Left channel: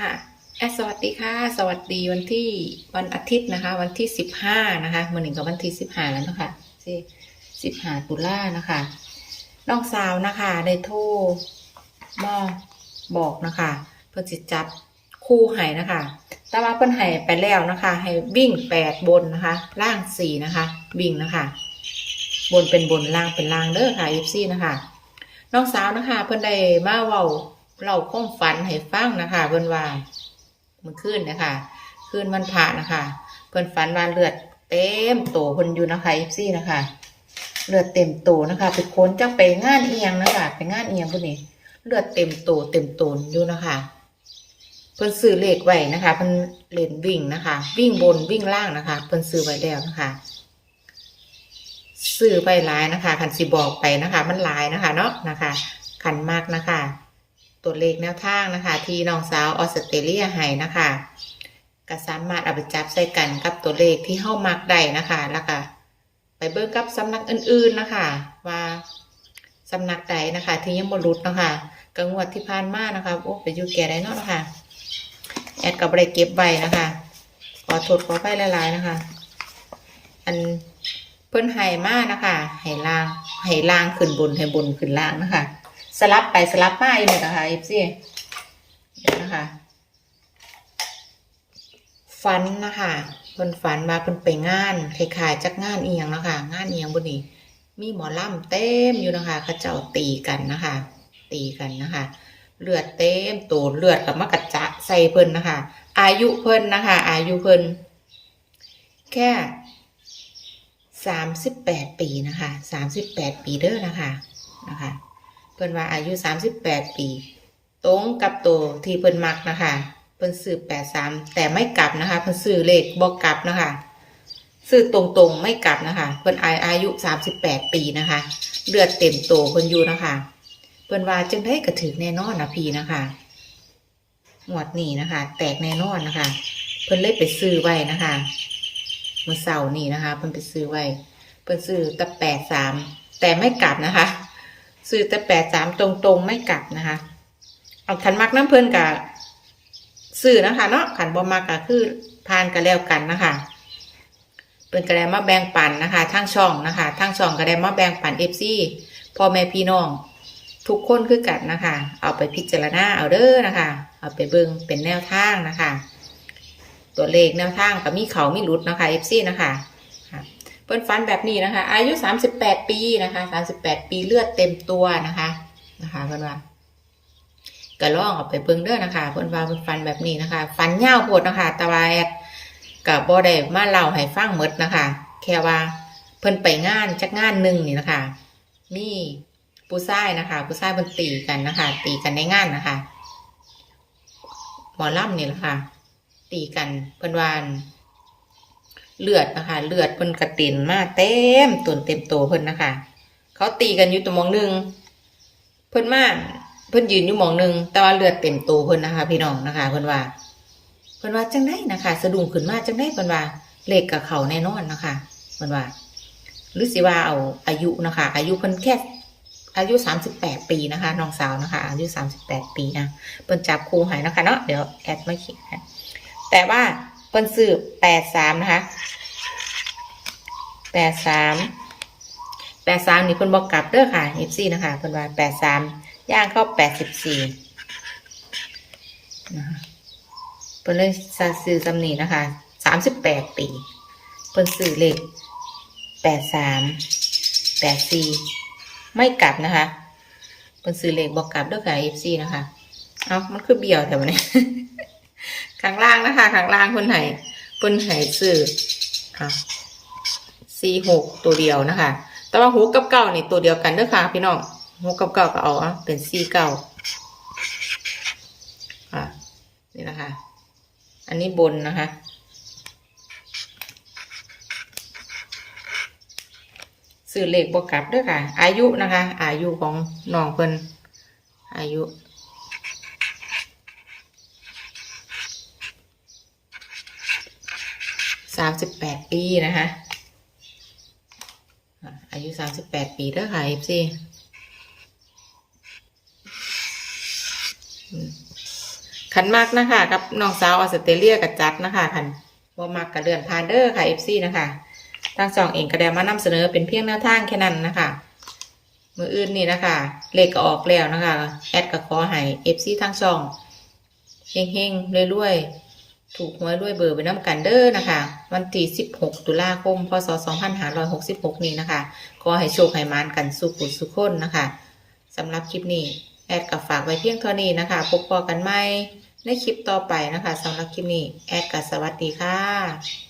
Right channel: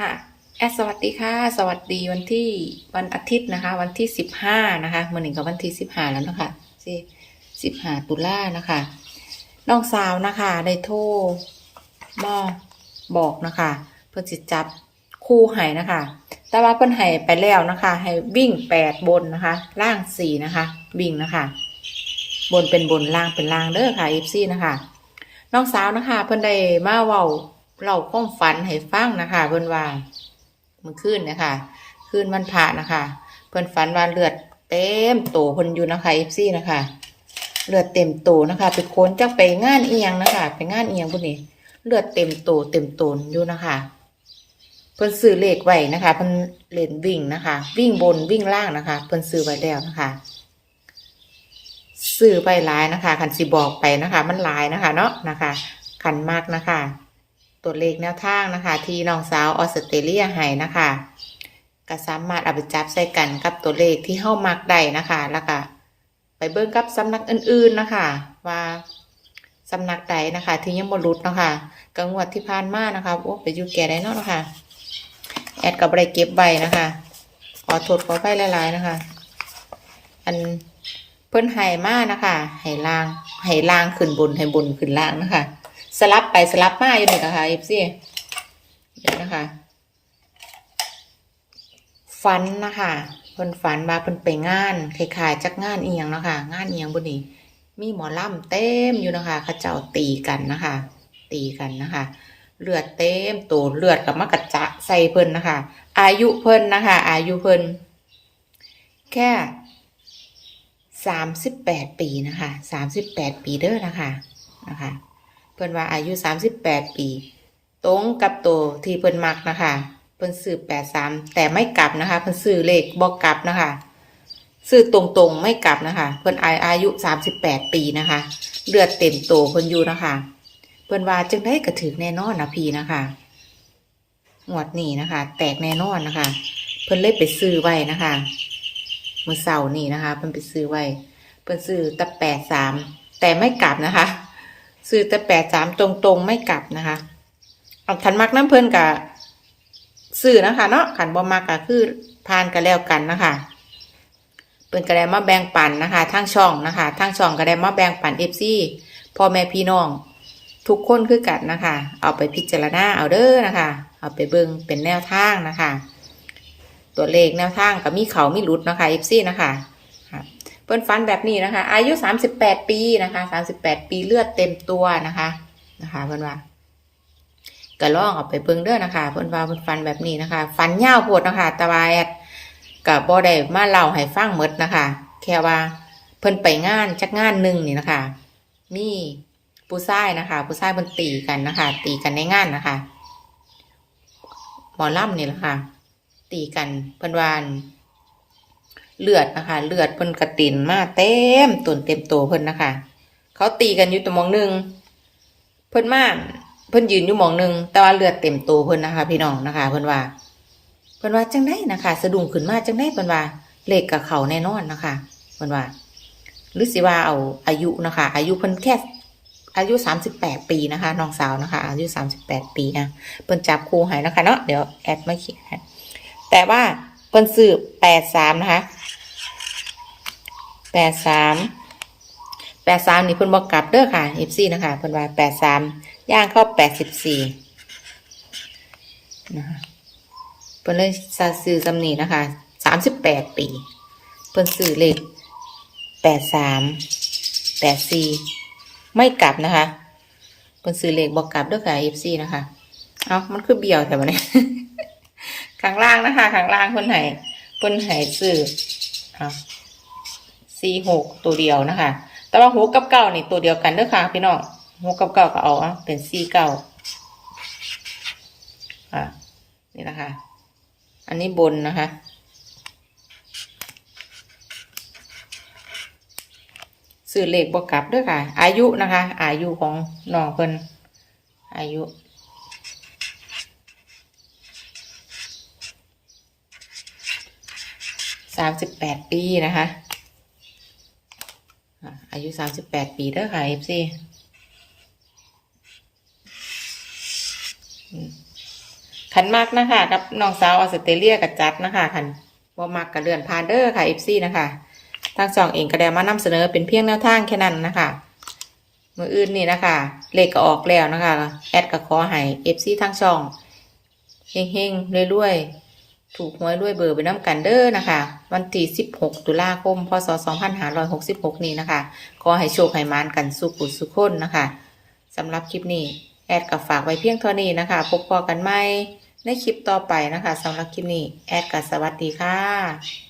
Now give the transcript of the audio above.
ค่ะแอดสวัสดีค่ะ สวัสดีวันที่วันอาทิตย์นะคะ วันที่สิบห้านะคะมื่อหนึ่งกับวันที่สิบห้าแล้วนะคะสิสิบห้าตุลานะคะน้องสาวนะคะได้โทรมาบอกนะคะเพื่อจิจัดคู่ให้นะคะ แต่ว่าเพิ่นให้ไปแล้วนะคะ ให้วิ่งแปดบนนะคะ ล่างสี่นะคะ วิ่งนะคะ บนเป็นบนล่างเป็นล่างเด้อค่ะเอฟซีนะคะน้องสาวนะคะ เพิ่นได้มาเว้า เล่าความฝันให้ฟังนะคะเพิ่นว่าเมื่อคืนนะคะคืนวันพระนะคะเพิ่นฝันว่าเลือดเต็มโตเพิ่นอยู่นะคะเอฟซีนะคะเลือดเต็มโตนะคะไปค้นจักไปงานเอียงนะคะไปงานเอียงพวกนี้เลือดเต็มโตเต็มโตนอยู่นะคะเพิ่นซื้อเลขไว้นะคะเพิ่นเล่นวิ่งนะคะ วิ่งบนวิ่งล่างนะคะเพิ่นซื้อไว้แล้วนะคะซื้อไปหลายนะคะคันสิบอกไปนะคะ มันหลายนะคะเนาะนะคะคันมากนะคะ ตัวเลขแนวทางนะคะ ที่น้องสาวออสเตรเลียให้นะคะก็สามารถเอาไปจับใส่กันกับตัวเลขที่เข้ามักได้นะคะแล้วก็ไปเบิ่งกับสำนักอื่นๆนะคะ ว่าสำนักใดนะคะ ที่ยังบ่รุดนะคะกังวดที่ผ่านมานะคะโอ้ไปอยู่แก่ได้เนาะนะคะแอดกับอะไรเก็บใบนะคะ ขอโทษขอไปหลายๆนะคะ อันเพิ่นไห้มากนะคะไห้ล่างไห้ล่างขึ้นบนไห้บนขึ้นล่างนะคะ สลับไปสลับมาอยู่เนี่นะคะเอฟซีเดี๋ยวนะคะฝันนะคะเพิ่นฝันมาเพิ่นไปงานคล้ายๆจักงานเอียงนะคะงานเอียงบนนี้มีหมอลำเต็มอยู่นะคะเขาเจ้าตีกันนะคะ ตีกันนะคะ เลือดเต็มตัวเลือดกับมากระจะใส่เพิ่นนะคะ อายุเพิ่นนะคะ อายุเพิ่นแค่สามสิบแปดปีนะคะสามสิบแปดปีเด้อนะคะนะคะ เพิ่นว่าอายุสามสิบแปดปี ตรงกับตัวที่เพิ่นมักนะคะเพิ่นซื้อแปดสามแต่ไม่กลับนะคะเพิ่นซื้อเลขบอกกลับนะคะซื้อตรงๆไม่กลับนะคะ เพิ่นอาอายุสามสิบแปดปีนะคะ เลือดเต็มโตเพิ่นอยู่นะคะ เพิ่นว่าจึงได้กระถือแน่นอนนะพี่นะคะงวดนี้นะคะ แตกแน่นอนนะคะ เพิ่นเลยไปซื้อไว้นะคะมื่อเสาร์นี้นะคะ เพิ่นไปซื้อไว้ เพิ่นซื้อแต่แปดสามแต่ไม่กลับนะคะ ซื้อแต่แปดสามตรงๆไม่กลับนะคะเอาขันมักน้ำเพลินกับซื้อนะคะเนาะขันบ่มักก็คือทานกันแล้วกันนะคะเพิ่นก็ไดมาแบ่งปันนะคะทางช่องนะคะทางช่องก็ไดมาแบ่งปันเอฟซีพ่อแม่พี่น้อง ทุกคนคือกันนะคะ เอาไปพิจารณาเอาเด้อนะคะ เอาไปเบิ่งเป็นแนวทางนะคะ ตัวเลขแนวทางก็มีเขามีหลุดนะคะเอฟซีนะคะคะ เพิ่นฟันแบบนี้นะคะ อายุสามสิบแปดปีนะคะสามสิบแปดปีเลือดเต็มตัวนะคะนะคะเพิ่นว่าก็ลองเอาไปเบิ่งเด้อนะคะเพิ่นว่าเพิ่นฟันแบบนี้นะคะ ฟันยาวโพดนะคะแต่ว่าแอดกับบ่ได้มาเล่าให้ฟังหมดนะคะ แค่ว่าเพิ่นไปงานจักงานหนึ่งนี่นะคะมีผู้ชายนะคะผู้ชายเพิ่นตีกันนะคะ ตีกันในงานนะคะหมอล่ำนี่แหละค่ะ ตีกันเพิ่นวาน เลือดนะคะ เลือดเพิ่นกระตินมาเต็มตุนเต็มตัวเพิ่นนะคะ เขาตีกันอยู่ตัวมองหนึ่งเพิ่นมาเพิ่นยืนอยู่มองหนึ่งแต่ว่าเลือดเต็มตัวเพิ่นนะคะ พี่น้องนะคะ เพิ่นว่า เพิ่นว่าจังได้นะคะ สะดุ้งขึ้นมาจังไดเพิ่นว่าเลขกับเขาแน่นอนนะคะ เพิ่นว่าหรือสิว่าเอาอายุนะคะ อายุเพิ่นแค่อายุสามสิบแปดปีนะคะน้องสาวนะคะ อายุสามสิบแปดปีนะเพิ่นจับครูหายนะคะเนาะเดี๋ยวแอดไมาเขียนให้แต่ว่า เพิ่นซื้อแปดสามนะคะแปดสามแปดสามนี่เพิ่นบอกกลับเด้อค่ะเอฟซีนะคะเพิ่นว่าแปดสามย่างเข้าแปดสิบสี่นะคะเพิ่นเลยซื้อสำนีนะคะสามสิบแปดปี เพิ่นซื้อเลขแปดสามแปดสี่ไม่กลับนะคะเพิ่นซื้อเลขบอกกลับเด้วยค่ะเอฟซีนะคะเอ้ามันคือเบี้ยวแต่วันนี้ ข้างล่างนะคะข้างล่างเพิ่นให้เพิ่นให้ซื้ออะสี่หกตัวเดียวนะคะ แต่ว่าหกกับเก้านี่ตัวเดียวกันเด้อค่ะ พี่น้องหกกับเก้าก็เอาอะเป็นสี่เก้าอะ นี่นะคะ อันนี้บนนะคะซื้อเลขบวกกลับด้วยค่ะ อายุนะคะ อายุของน้องเพิ่นอายุ สามสิบแปดปีนะคะ อายุสามสิบแปดปีเด้อค่ะเอฟซีขันมากนะคะ กับน้องสาวออสเตรเลียกับจัดนะคะขันว่ามากกับเลื่อนพานเดอร์ค่ะ FC นะคะทางสองเองก็ได้มานำเสนอเป็นเพียงหน้าทางแค่นั้นนะคะมืออื่นนี่นะคะเลขก็ออกแล้วนะคะ แอดก็ขอให้ FC ทางช่องเฮงๆรวยๆ ถูกหวยด้วยเบอร์ไปน้ำกันเด้อนะคะ วันที่ 16 ตุลาคม พศ 2566 นี้นะคะ ขอให้โชคให้มานกันสุขุสุขคนนะคะสำหรับคลิปนี้ แอดกับฝากไว้เพียงเท่านี้นะคะ พบพอกันใหม่ในคลิปต่อไปนะคะสำหรับคลิปนี้ แอดกับสวัสดีค่ะ